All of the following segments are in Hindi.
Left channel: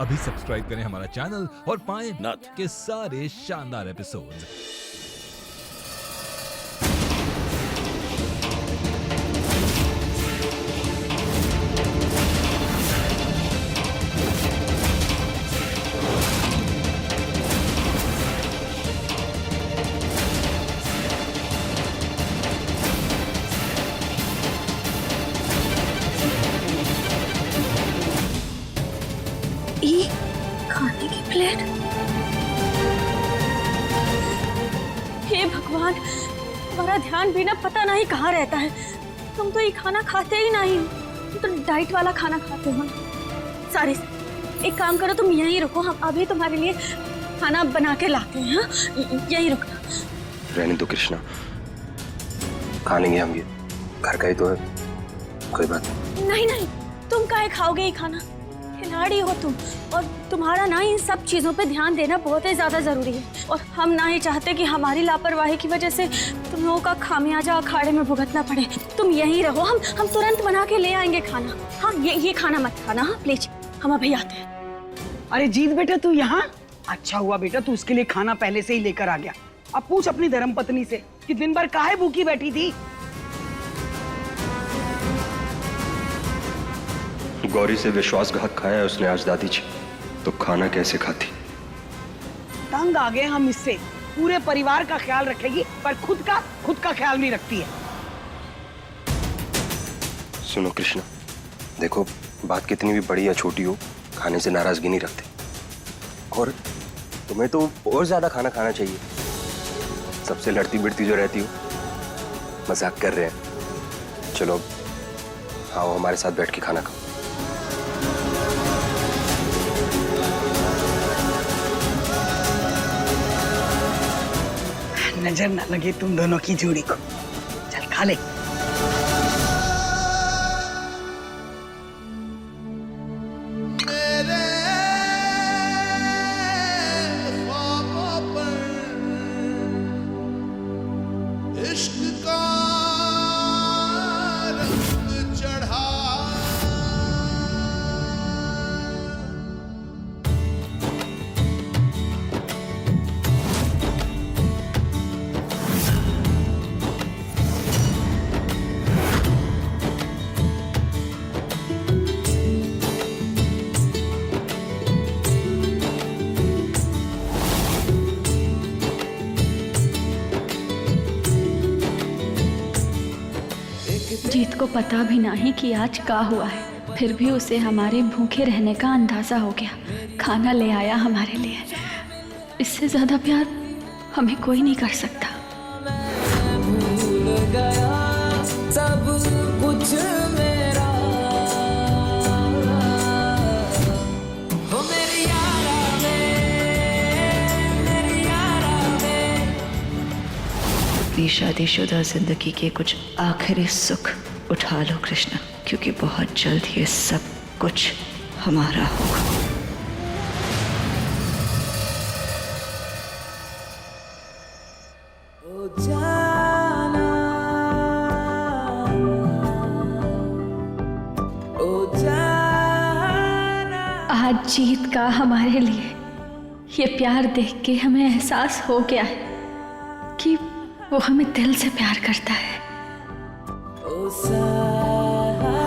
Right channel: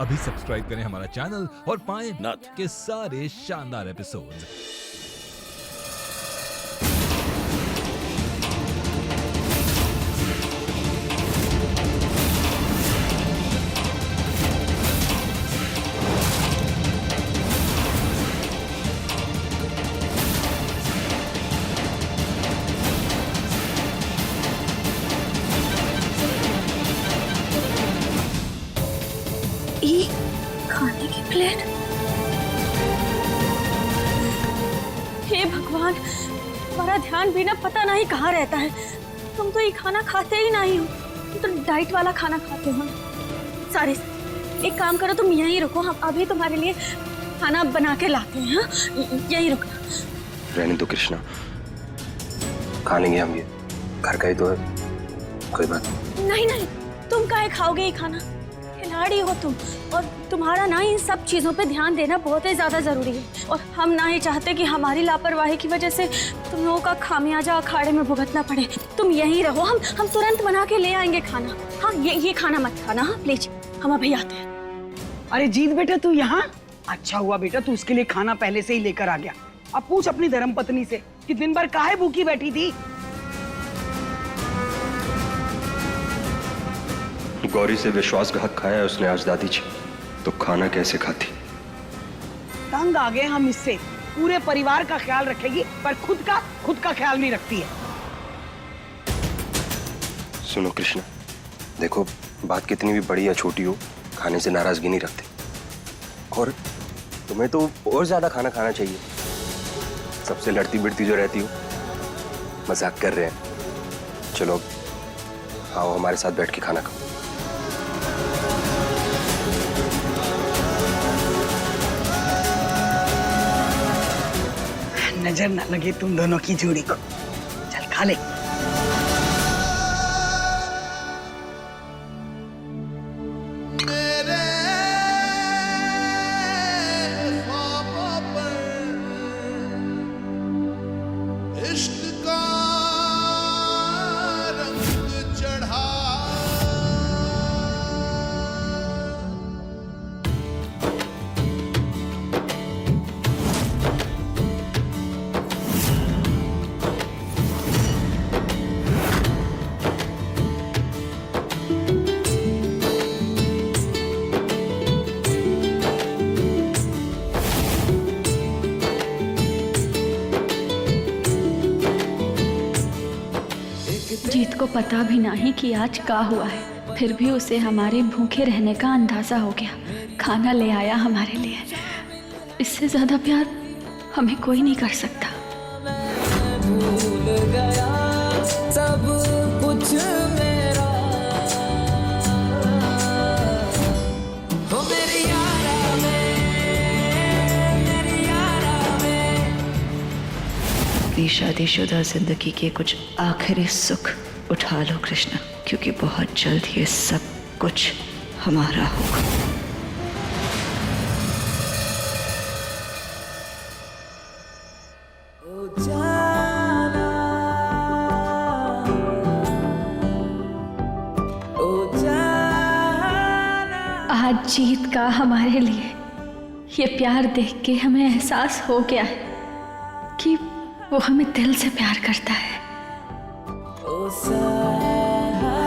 अभी सब्सक्राइब करें हमारा चैनल और पाएं नथ के सारे शानदार एपिसोड्स। ये खाने की प्लेट। हे भगवान, तुम्हारा ध्यान भी ना पता नहीं कहाँ रहता है। तुम तो ये खाना खाते ही नहीं हो, तुम तो डाइट वाला खाना खाते हो ना। सारे एक काम करो, तुम यहीं रुको, हम अभी तुम्हारे लिए खाना बना के लाते हैं। हाँ, यहीं रुकना। रहने दो कृष्णा, खा लेंगे हम, ये घर का ही तो है, कोई बात नहीं। नहीं नहीं, तुम काहे खाओगे ये खाना? खिलाड़ी हो तुम, और तुम्हारा ना इन सब चीजों पे ध्यान देना बहुत ही ज्यादा जरूरी है। और हम ना ही चाहते कि हमारी लापरवाही की वजह से तुम लोगों का खामियाजा अखाड़े में भुगतना पड़े। तुम यहीं रहो, हम तुरंत बना के ले आएंगे खाना। हाँ, ये खाना मत खाना, हाँ प्लीज, हम अभी आते हैं। अरे जीत बेटा, तू यहाँ? अच्छा हुआ बेटा, तू उसके लिए खाना पहले से ही लेकर आ गया। अब पूछ अपनी धर्मपत्नी से कि दिन भर काहे भूखी बैठी थी। गौरी से विश्वासघात खाया है उसने आज दादी जी, तो खाना कैसे खाती? तंग आ गए हम इससे। पूरे परिवार का ख्याल रखेगी पर खुद का ख्याल नहीं रखती है। सुनो कृष्णा, देखो बात कितनी भी बड़ी या छोटी हो, खाने से नाराजगी नहीं रखते। और तुम्हें तो और ज्यादा खाना खाना चाहिए। सबसे लड़ती बिड़ती जो रहती हो, मजाक कर रहे हैं। चलो आओ हमारे साथ बैठ के खाना खाओ। नजर ना लगे तुम दोनों की जोड़ी को। चल खा ले। मेरे ख्वाबों पर इश्क का रंग चढ़ा। जीत को पता भी नहीं कि आज क्या हुआ है, फिर भी उसे हमारे भूखे रहने का अंदाजा हो गया। खाना ले आया हमारे लिए। इससे ज्यादा प्यार हमें कोई नहीं कर सकता। मैं भूल गया सब कुछ मेरा, हो मेरी यारा में। अपनी शादीशुदा जिंदगी के कुछ आखिरी सुख उठा लो कृष्णा, क्योंकि बहुत जल्द ये सब कुछ हमारा होगा। ओ जाना, ओ जाना। आज जीत का हमारे लिए ये प्यार देख के हमें एहसास हो गया है कि वो हमें दिल से प्यार करता है। ओ साजना,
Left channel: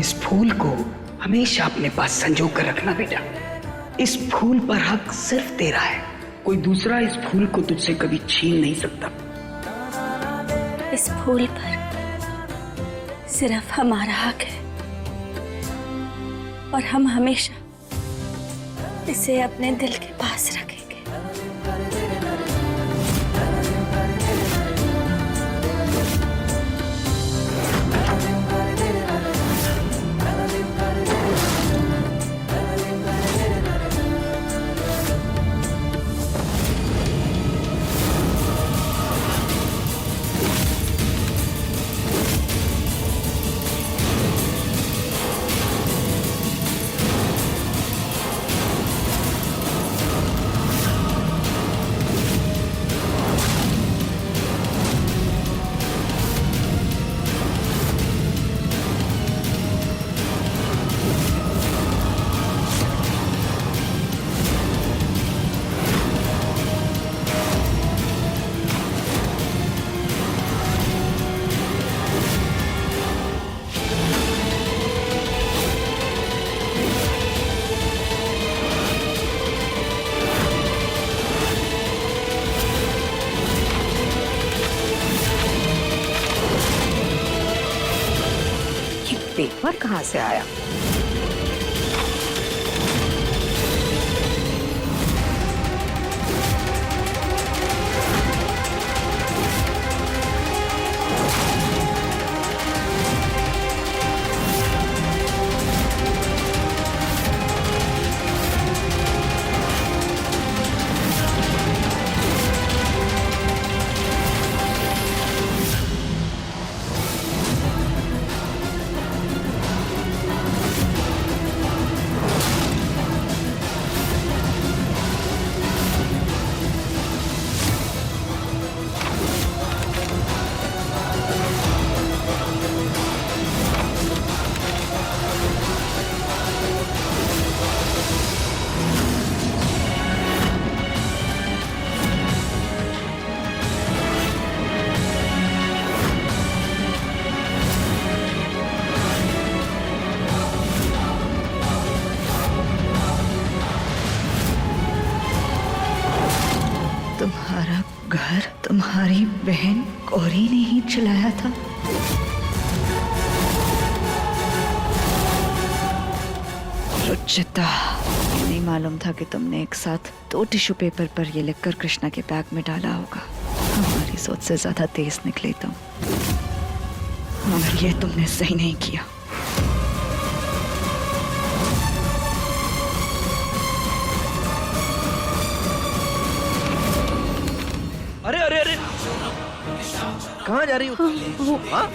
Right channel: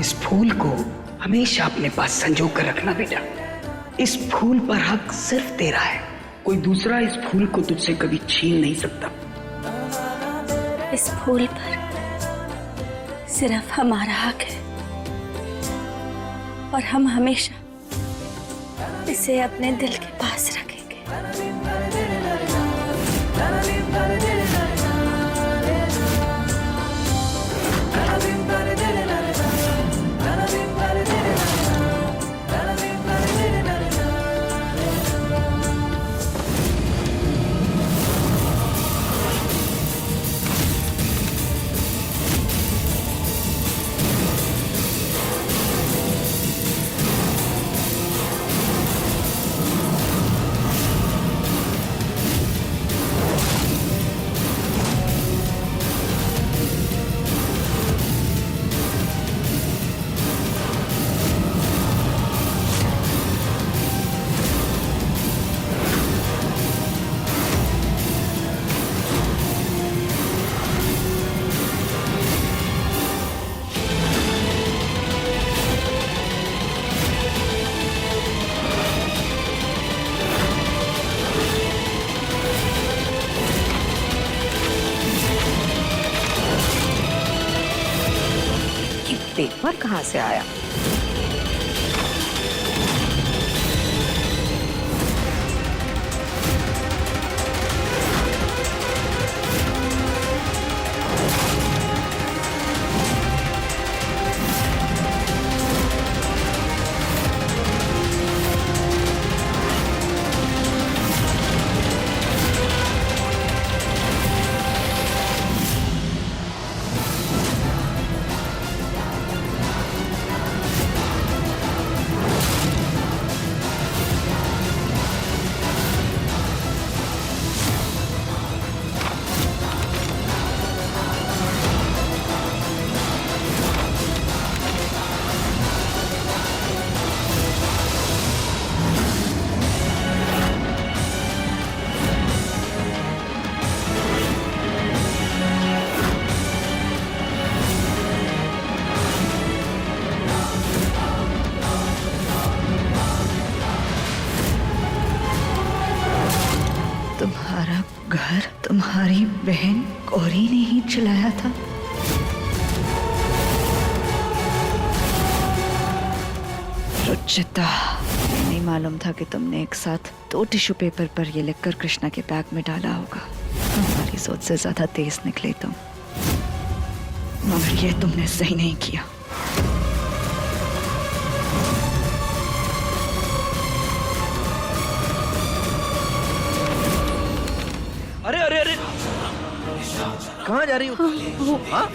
इस फूल को हमेशा अपने पास संजो कर रखना बेटा। इस फूल पर हक सिर्फ तेरा है, कोई दूसरा इस फूल को तुझसे कभी छीन नहीं सकता। इस फूल पर सिर्फ हमारा हक है और हम हमेशा इसे अपने दिल के पास रखेंगे। पेपर कहाँ से आया? तुम्हारा घर तुम्हारी बहन गौरी ने ही चलाया था। रुचिता, ये नहीं मालूम था कि तुमने एक साथ 2 टिश्यू पेपर पर ये लिखकर कृष्णा के बैग में डाला होगा। हमारी सोच से ज्यादा तेज निकले तुम, मगर ये तुमने सही नहीं किया। अरे अरे अरे, कहाँ जा रही हो? हाँ?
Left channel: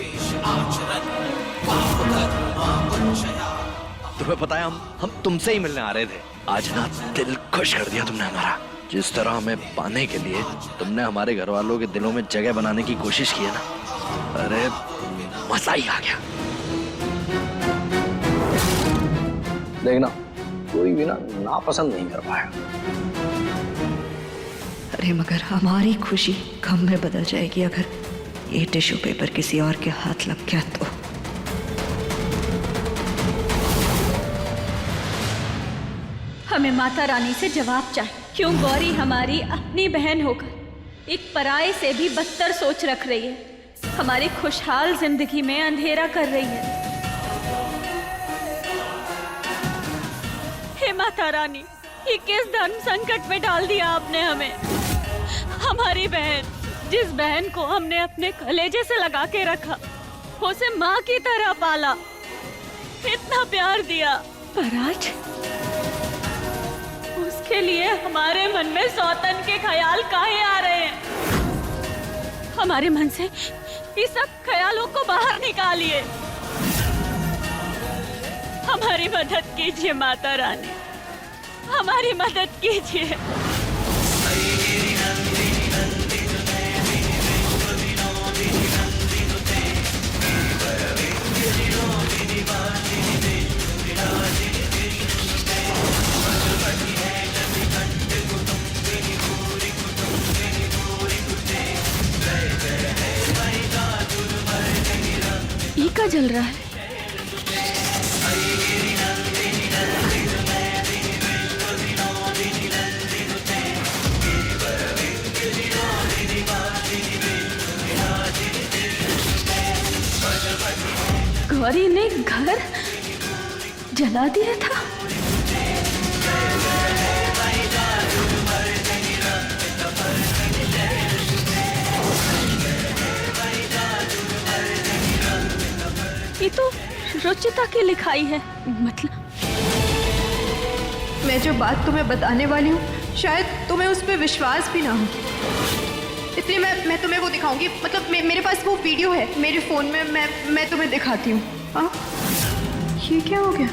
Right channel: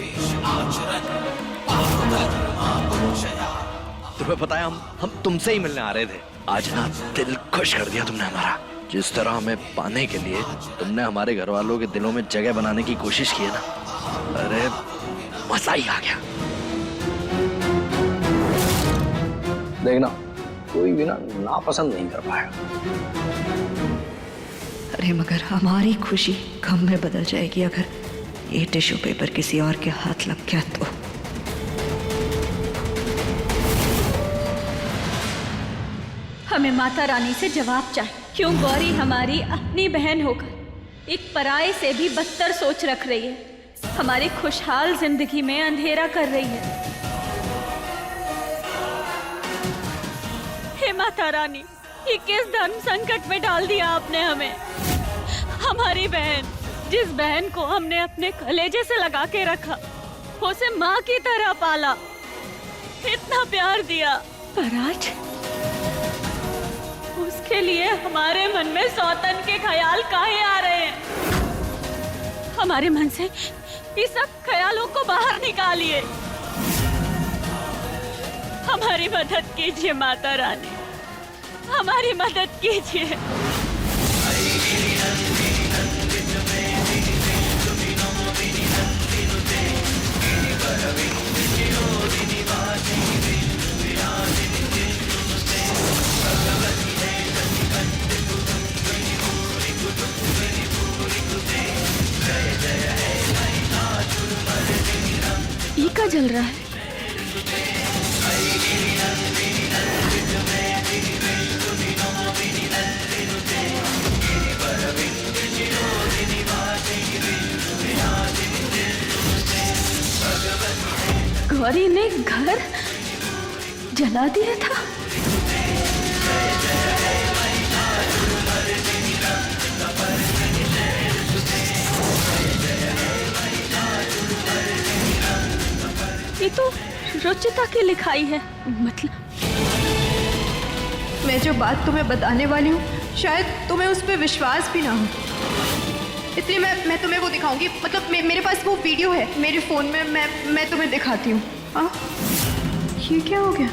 तुम्हें पता है हम तुमसे ही मिलने आ रहे थे। आज ना दिल खुश कर दिया तुमने हमारा। जिस तरह हमें पाने के लिए तुमने हमारे घर वालों के दिलों में जगह बनाने की कोशिश की है ना, अरे मजा ही आ गया। देखना कोई भी ना नापसंद नहीं कर पाया। अरे मगर हमारी खुशी गम में बदल जाएगी अगर ये टिश्यू पेपर किसी और के हाथ लग गया तो। हमें माता रानी से जवाब चाहिए। क्यों गौरी हमारी अपनी बहन होकर एक पराये से भी बदतर सोच रख रही है, हमारी खुशहाल जिंदगी में अंधेरा कर रही है। हे माता रानी, ये किस धर्म संकट में डाल दिया आपने हमें। हमारी बहन, जिस बहन को हमने अपने कलेजे से लगा के रखा, उसे माँ की तरह पाला, इतना प्यार दिया, पर आज उसके लिए हमारे मन में सौतन के ख्याल काहे आ रहे हैं। हमारे मन से इस सब ख्यालों को बाहर निकालिए। हमारी मदद कीजिए माता रानी, हमारी मदद कीजिए। ये क्या जल रहा है? गौरी ने घर जला दिया था। ये तो रुचिता की लिखाई है। मतलब मैं जो बात तुम्हें बताने वाली हूँ शायद तुम्हें उस पर विश्वास भी ना हो, इसलिए मैं तुम्हें वो दिखाऊंगी। मतलब मेरे पास वो वीडियो है मेरे फ़ोन में, मैं तुम्हें दिखाती हूँ। हाँ, ये क्या हो गया?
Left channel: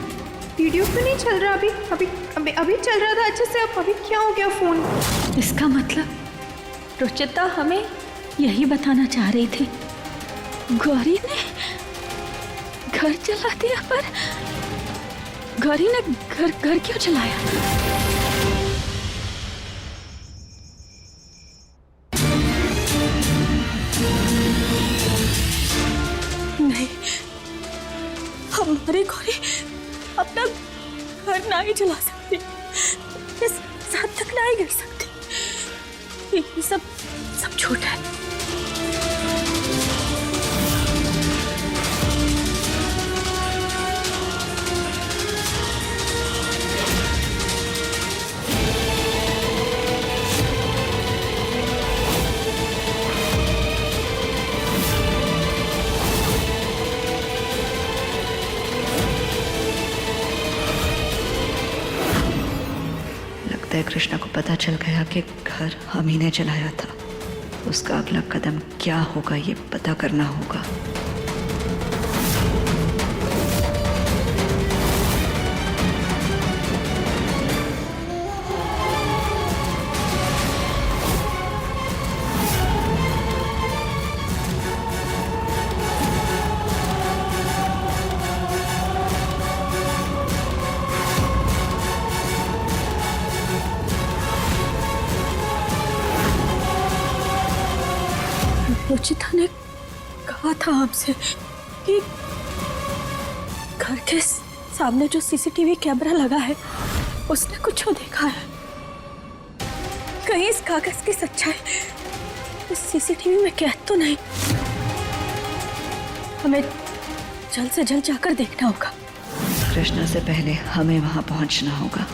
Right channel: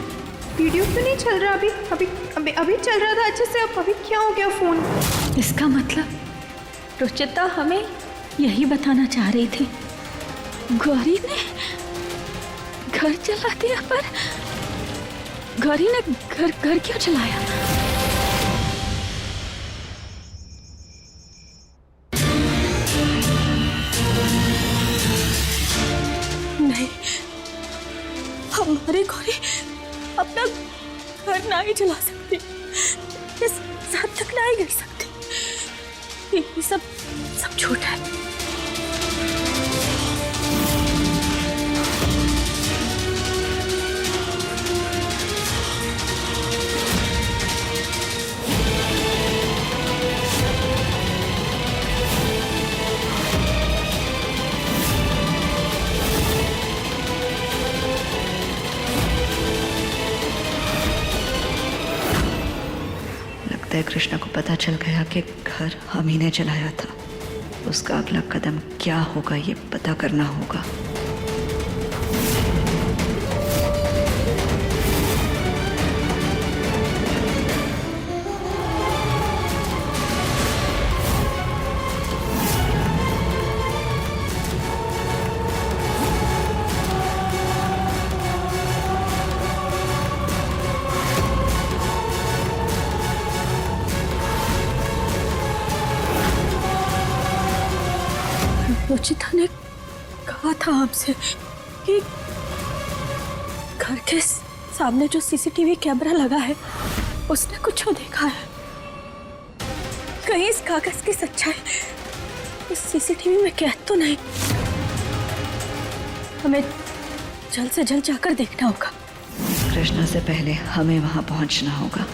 वीडियो क्यों नहीं चल रहा? अभी चल रहा था अच्छे से, अब अभी क्या हो गया फ़ोन? इसका मतलब रुचिता हमें यही बताना चाह रही थी, गौरी ने घर जला दिया। पर गौरी ने घर क्यों जलाया? नहीं, हमारी गौरी अपना घर ना ही जला सकती, इस साथ तक ना ही गिर सकती। ये सब झूठ है। लगता है कृष्णा को पता चल गया कि घर हम ही ने जलाया था। उसका अगला कदम क्या होगा ये पता करना होगा। रुचिता ने कहा था हमसे कि घर के सामने जो सीसीटीवी कैमरा लगा है उसने कुछ देखा है। कहीं इस कागज की सच्चाई उस सीसीटीवी में कैद तो नहीं। हमें जल्द से जल्द जाकर देखना होगा। कृष्णा से पहले हमें वहां पहुंचना होगा।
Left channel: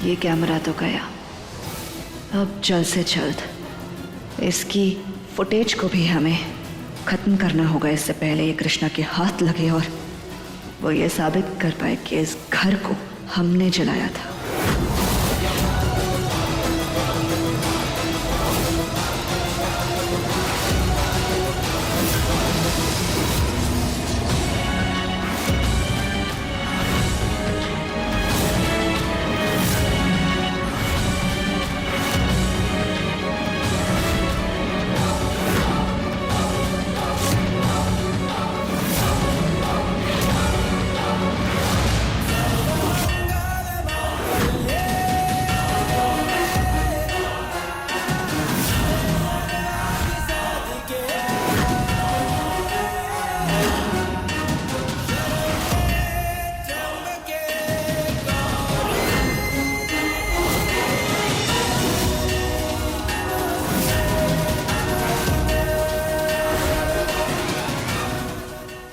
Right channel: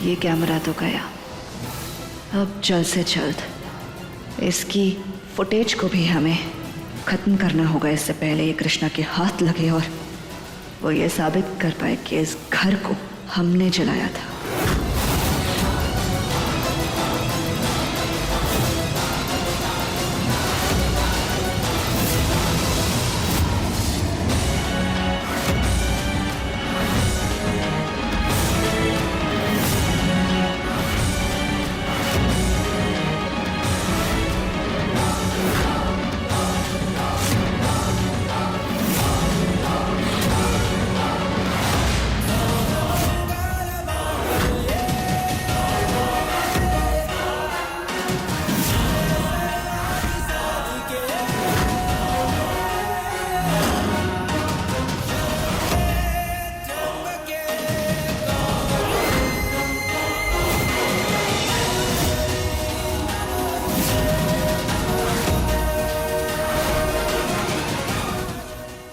ये कैमरा तो गया, अब जल्द से जल्द इसकी फुटेज को भी हमें खत्म करना होगा इससे पहले ये कृष्णा के हाथ लगे और वो ये साबित कर पाए कि इस घर को हमने जलाया था।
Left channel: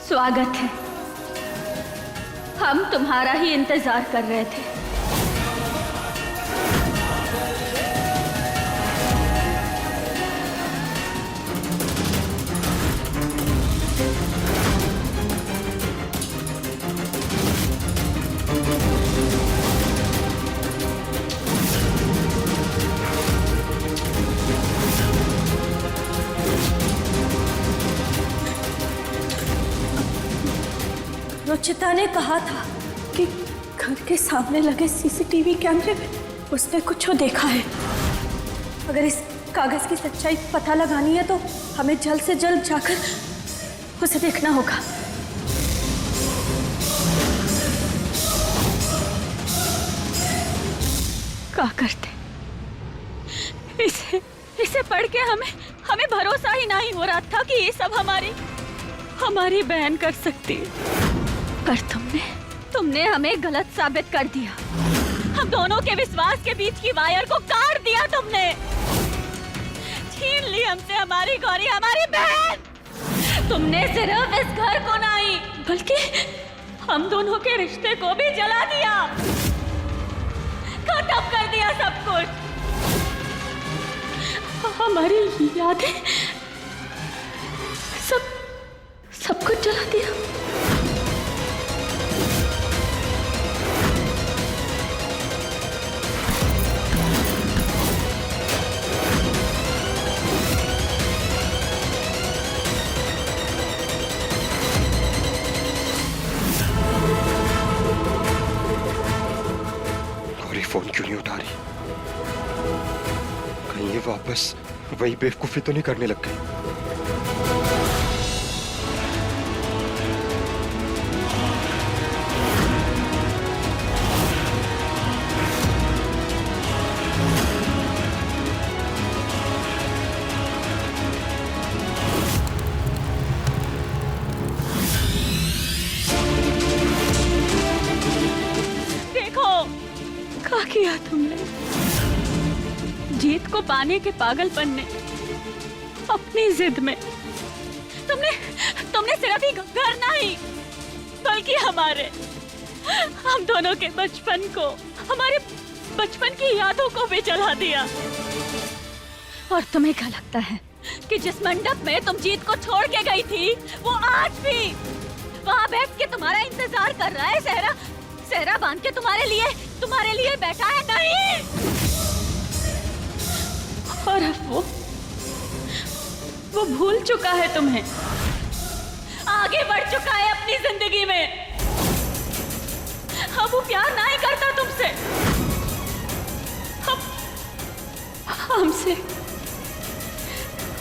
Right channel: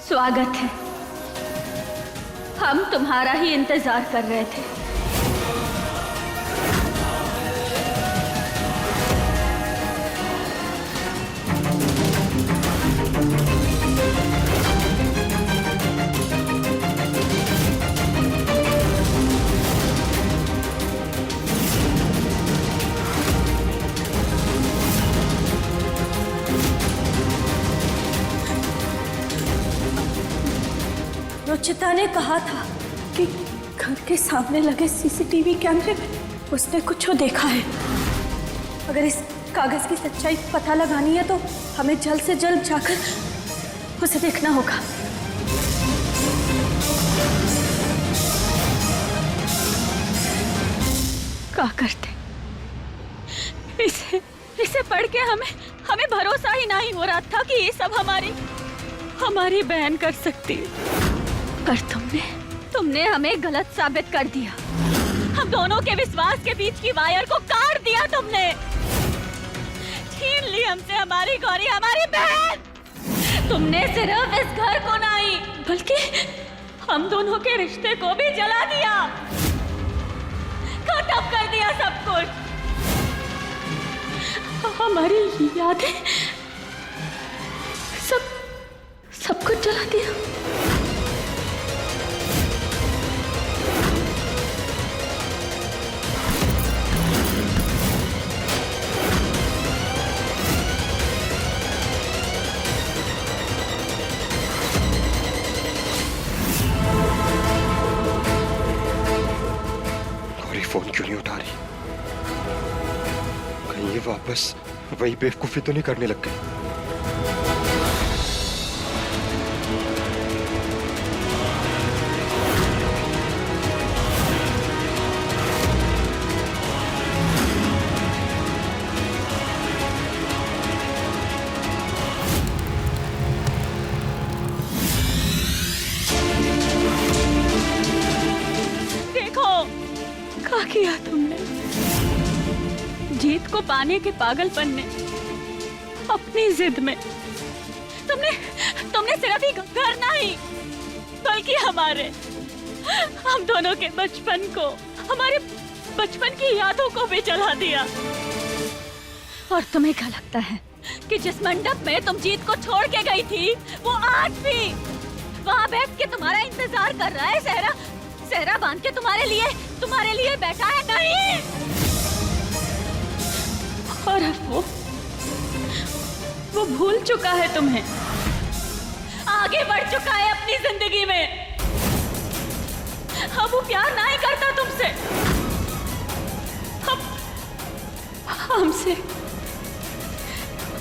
स्वागत है। हम तुम्हारा ही इंतजार कर रहे थे। रुचिता ने कहा था कि घर के सामने लगे सीसीटीवी कैमरे में उसने कुछ देखा है। अगर इस कागज की सच्चाई पता लगानी है तो हमें जल्द से जल्द जाकर उसे देखना होगा। क्या करते? इसे पढ़ के हमें भरोसा ही नहीं हो रहा था कि ये सब हमारी बहन कर सकती है। पर तुमने हमें गलत साबित कर दिया। हम दोनों के विश्वास के बीच की वायर को काट दिया तुमने। छीन ली हमसे हमारी गौरी, हमारी बहन। तुमने सिर्फ इस घर को नहीं बल्कि हम दोनों के रिश्ते को भी जला दिया, खत्म कर दिया सब कुछ। हमारी यादें सब कुछ जला दिया। फोन क्यों नहीं उठा रही? कहीं ये वापस वही बेवकूफी तो नहीं करने लग गई? किया तुमने। जीत को पाने के पागलपन ने, अपनी जिद में तुमने सिर्फ ही घर नहीं बल्कि हम दोनों के बचपन को, हमारे बचपन की यादों को भी जला दिया। और तुम्हें क्या लगता है कि जिस मंडप में तुम जीत को छोड़ के गई थी, वो आज भी वहाँ बैठ के तुम्हारा इंतजार कर रहा है? सहरा बांध के तुम्हारे लिए बैठा है? नहीं। और अब वो भूल चुका है तुम्हें, आगे बढ़ चुका है अपनी जिंदगी में। अब वो प्यार नहीं करता तुमसे,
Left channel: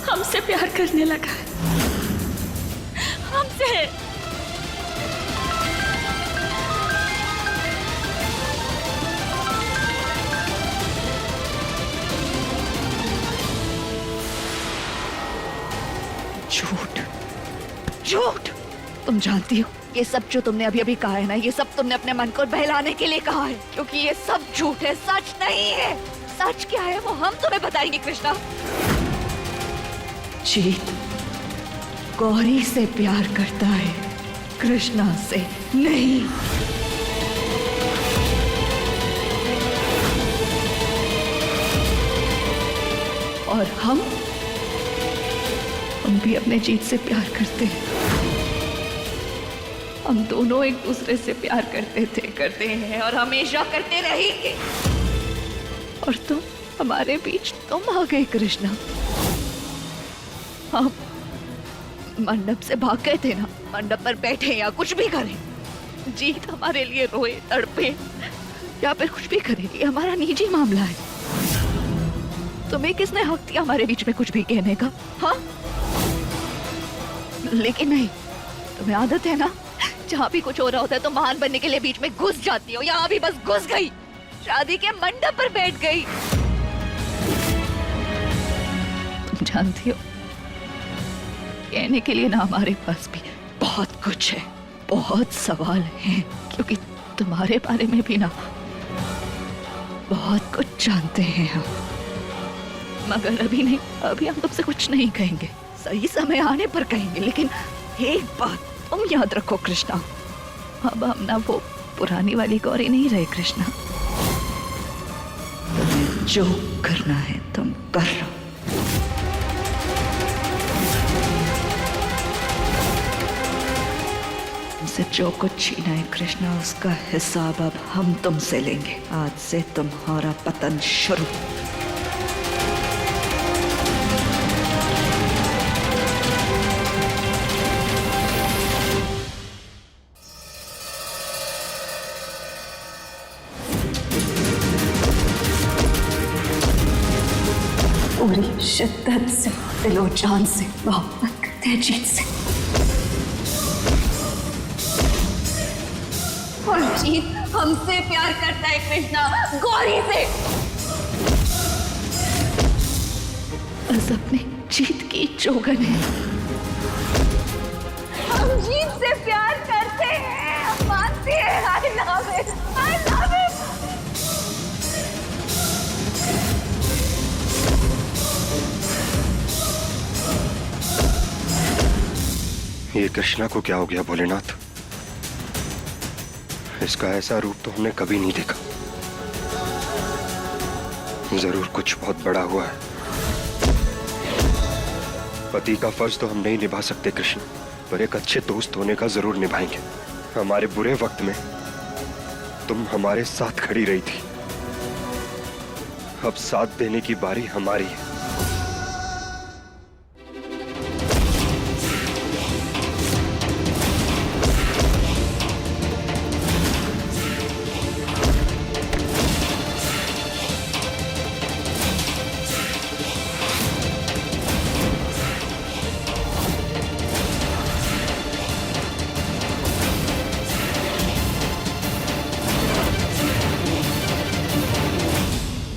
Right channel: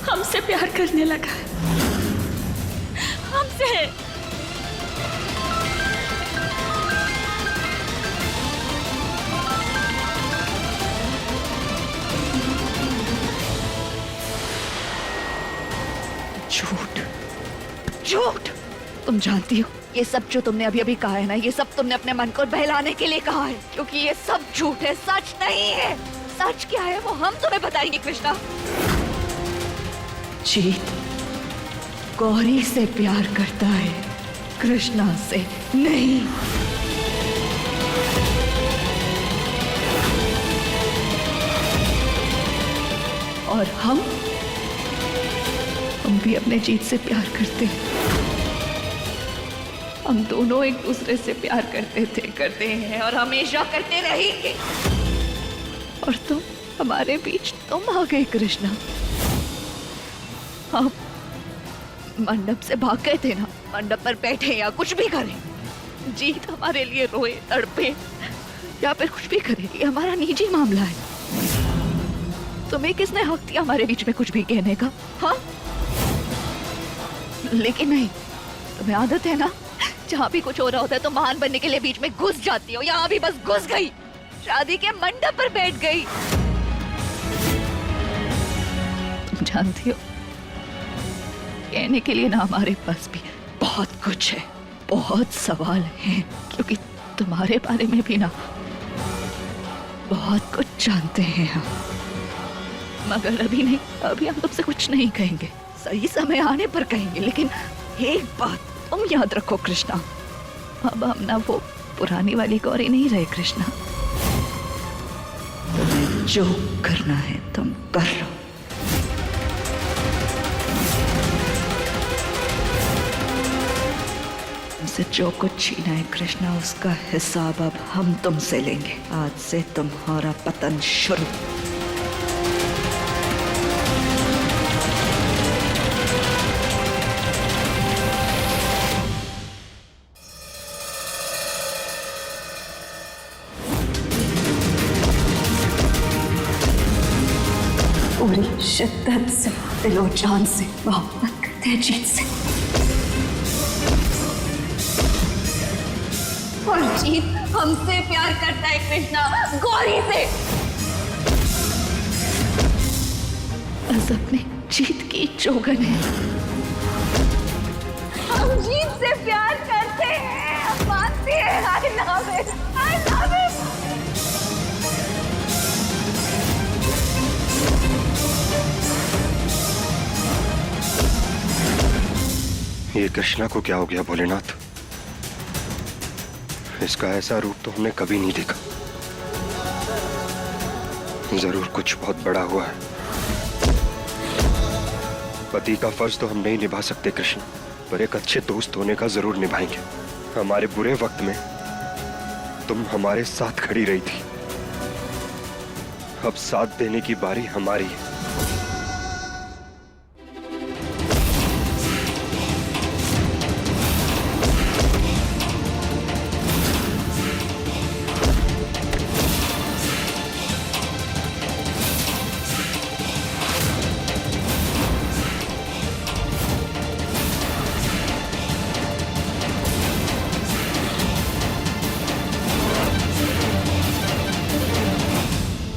हमसे प्यार करने लगा है। हमसे। झूठ। तुम जानती हो ये सब जो तुमने अभी अभी कहा है ना, ये सब तुमने अपने मन को बहलाने के लिए कहा है, क्योंकि ये सब झूठ है, सच नहीं है। सच क्या है वो हम तुम्हें बताएंगे कृष्णा। जीत गौरी से प्यार करता है, कृष्णा से नहीं। और हम भी अपने जीत से प्यार करते हैं। हम दोनों एक दूसरे से प्यार करते थे, करते हैं और हमेशा करते रहेंगे। और तुम, हमारे बीच तुम आ गए कृष्णा। हम मंडप से भाग गए थे ना, मंडप पर बैठे या कुछ भी करें, जीत हमारे लिए रोए, तड़पे या फिर कुछ भी करे, ये हमारा निजी मामला है। तुम्हें किसने हक दिया हमारे बीच में कुछ भी कहने का? हाँ, लेकिन नहीं, तुम्हें आदत है ना, जहाँ भी कुछ हो रहा होता है तो महान बनने के लिए बीच में घुस जाती हो। यहाँ भी बस घुस गई, शादी के मंडप पर बैठ गई। तुम जानती हो कहने के लिए ना हमारे पास भी बहुत कुछ है, बहुत सवाल हैं, क्योंकि तुम्हारे बारे में भी ना बहुत कुछ जानते हैं हम। मगर अभी नहीं, अभी हम तुमसे कुछ नहीं कहेंगे, सही समय आने पर कहेंगे। लेकिन एक बात तुम याद रखो कृष्णा, अब हम ना वो पुरानी वाली गौरी नहीं रहे कृष्णा। तुम्हें जो करना है तुम कर लो। तुमसे जो कुछ छीना है कृष्णा, उसका हिसाब अब हम तुमसे लेंगे। आज से तुम्हारा पतन शुरू। पूरी शिद्दत से, दिलो जान से मोहब्बत करते हैं जीत से। और जीत हमसे प्यार करता है कृष्णा, गौरी से। बस अपनी जीत की चौगन है। हम जीत से प्यार करते हैं, मानते हैं। I love it, I love it। ये कृष्णा को क्या हो गया भोलेनाथ? इसका ऐसा रूप तो हमने कभी नहीं देखा। जरूर कुछ बहुत बड़ा हुआ है। पति का फर्ज तो हम नहीं निभा सकते कृष्ण, पर एक अच्छे दोस्त होने का जरूर निभाएंगे। हमारे बुरे वक्त में तुम हमारे साथ खड़ी रही थी, अब साथ देने की बारी हमारी है।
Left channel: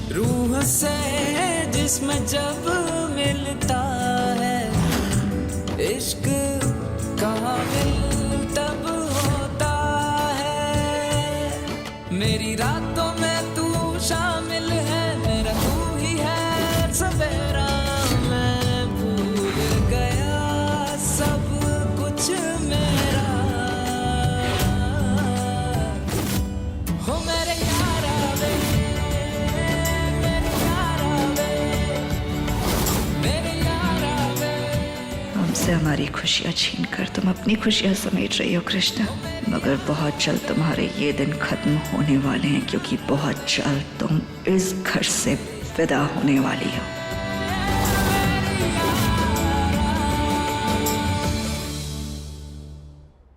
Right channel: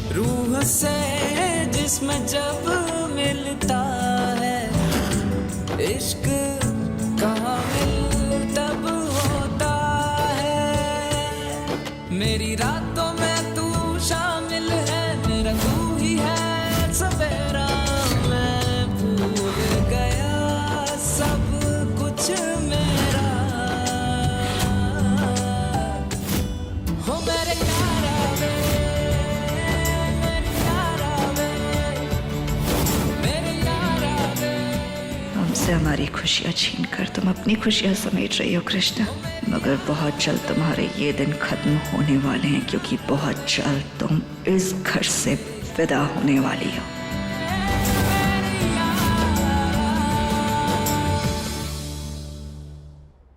रूह से जिस्म जब मिलता है, इश्क कामिल तब होता है। मेरी रातों में तू सवेरा मैं भूल गया सब कुछ मेरा हो मेरे यारा वे मेरे यारा वे मेरे यारा वे। हमसे हमारी खुशियाँ छीन कर तुम अपनी खुशियाँ समेट रही हो कृष्णा, मगर बहुत जल्द तुम्हारे ये दिन खत्म होने वाले हैं, क्योंकि बहुत जल्द तुम इस घर से विदा होने वाली हो।